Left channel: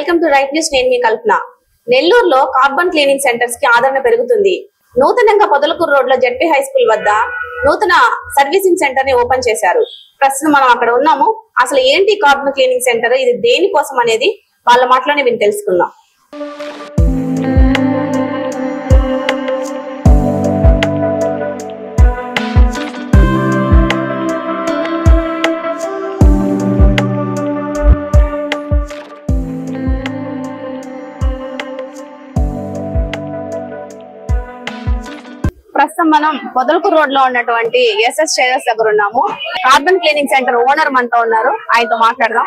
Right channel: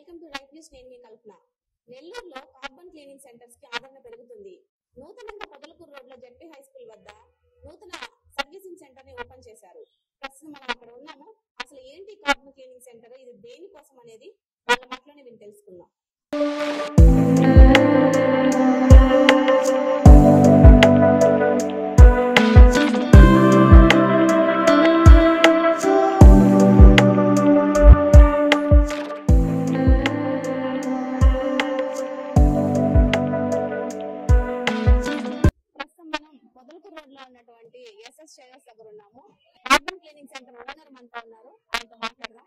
Welcome to right news. నేను మీ కల్పన. నెల్లూరులో carbon cleaning centres కి ఆదరణ పెరుగుతుంది. నూతనంగా పొదలకూరు రోడ్ లో జెడ్పీ హై స్కూల్ వద్ద నూతన సర్వీసింగ్ సెంటర్ ని ఓపెన్ చేశారు. ప్రస్తుతం మనం అక్కడ ఉన్నాము. అసలు ఏంటి కార్బన్ క్లీనింగ్ సెంటర్, ఇది దేనికోసం అనేది వాళ్ళ మాటలోనే విని తెలుసుకుందాం. ప్రస్తుతం మనం పొదలకూరు రోడ్ లో ఉన్నటువంటి ఎస్ఎస్ ట్రేడర్స్ దగ్గర ఉన్నాము. కార్బన్ క్లీనింగ్ సెంటర్ ఓనర్ మనతో ఉన్నారు, ఆయనతో మాట్లాడదాం.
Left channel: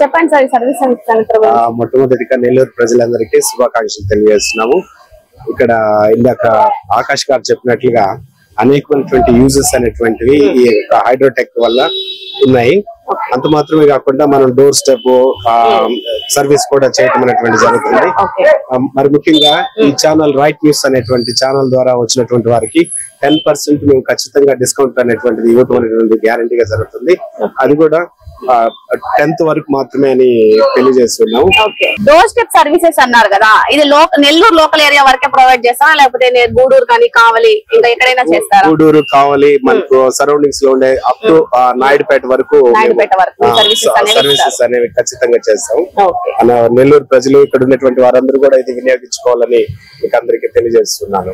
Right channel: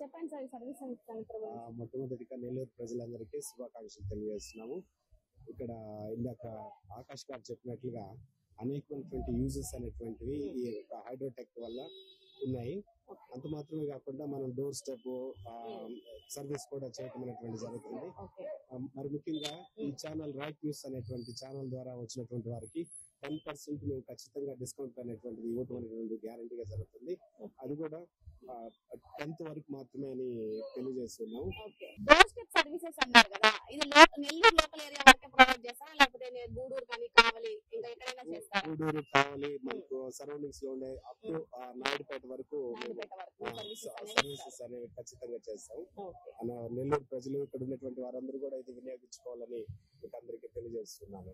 చెప్పండి సార్, ఈ సర్వీస్ సెంటర్. మొట్టమొదటిగా నెల్లూరు ప్రజలందరికీ శుభాకాంక్షలు తెలియజేస్తున్నాము. ఇక్కడ ఇందాక ఆకాష్ గారు చెప్పినట్లుగా అనేకమైనటువంటి యూజెస్ అనేటువంటివి ఈ హైడ్రోటెక్ వల్ల ఉన్నాయి. అంత మాత్రమే కాకుండా మనం డోర్ స్టెప్ సర్వీస్ కూడా చేయటం అనేటువంటి జరుగుతుంది. మరి ముఖ్యంగా ఈ ఛానల్ రైట్ న్యూస్ అనేటువంటి ఛానల్ ద్వారా వచ్చినటువంటి వారికి 10% మేము ఖచ్చితంగా డిస్కౌంట్ అనేటువంటిది ఇవ్వటం అనేటువంటి గ్యారంటీగా జరుగుతుంది. అది కూడా 10th వరకు మాత్రమే అని తెలియజేస్తున్నాము. డోర్ స్టెప్ సర్వీసెస్ అన్నారు కదా, ఇది నెల్లూరు లోకల్ ఏరియా వరకే ప్రొవైడ్ చేస్తారా, లేకపోతే గూడూరు కానీ కావాలి ఇంకా ఎక్కడైనా చేస్తారా? గూడూరు కావాలి, మనకు సరౌండింగ్స్ లో ఉండే అప్ టు నాయుడుపేట వరకు సర్వీసెస్ అనేవి ఖచ్చితంగా చేస్తాం. నెల్లూరు ప్రజలు ఇక్కడ ఉన్నటువంటి వారందరూ కూడా ఇది వినియోగించుకోవాలని మీకు అందరికీ తెలియజేస్తున్నాను.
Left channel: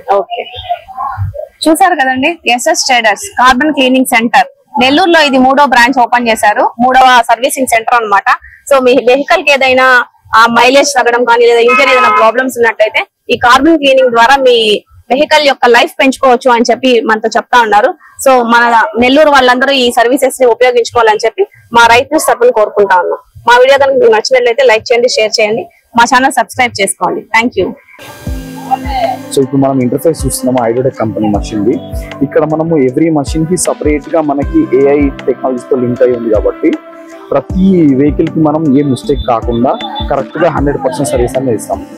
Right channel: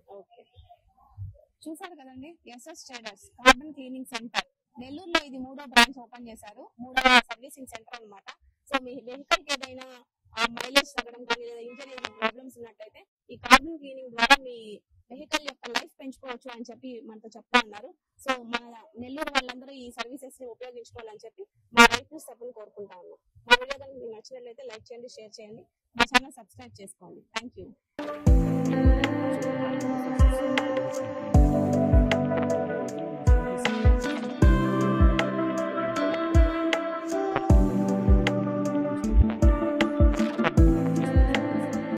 చూసారు కదండి, SS traders carbon cleaning centre నెల్లూరులో ఇది 3వ బ్రాంచ్ ఓపెన్ చేశారు. 3వ సర్వీసింగ్ సెంటర్ అన్నమాట. సో మీ వెహికల్ కి ఏదైనా మైలేజ్ తగ్గడం కానీ లేదా ఇంజన్ ఏదైనా ప్రాబ్లమ్స్ ఉన్నట్టయితే ఈ కార్బన్ క్లీనింగ్ ద్వారా మీ వెహికల్ యొక్క లైఫ్ పెంచుకోవచ్చు అని చెప్పి మనతో చెప్తా ఉన్నారు. సో మన నెల్లూరు వాళ్ళందరూ ఈ సర్వీసెస్ ని ఉపయోగించుకోవాలని చెప్పి మా రైట్ న్యూస్ తరపున కోరుకుంటా ఉన్నాం. మా వీడియో కనుక మీకు నచ్చినట్లయితే లైక్ చేయండి, షేర్ చేయండి, మా ఛానల్ సబ్స్క్రైబ్ చేసుకోండి. Thank you. సో ఇప్పుడు మనం ఇంటర్ఫేస్ చూస్తున్నాము హైడ్రోటెక్ కంపెనీ మషిన్ ది. ఇక్కడ మనము ఎవ్రీ మషిన్ కి సపరేట్ గా మనకి AI టెక్నాలజీతో లింక్ అయి ఉంది కాబట్టి ప్రతి వెహికల్ కి మనం ఏ మిస్టేక్ కాకుండా కరెక్ట్ గా 100% సర్వీస్ అనేది ఇస్తాం.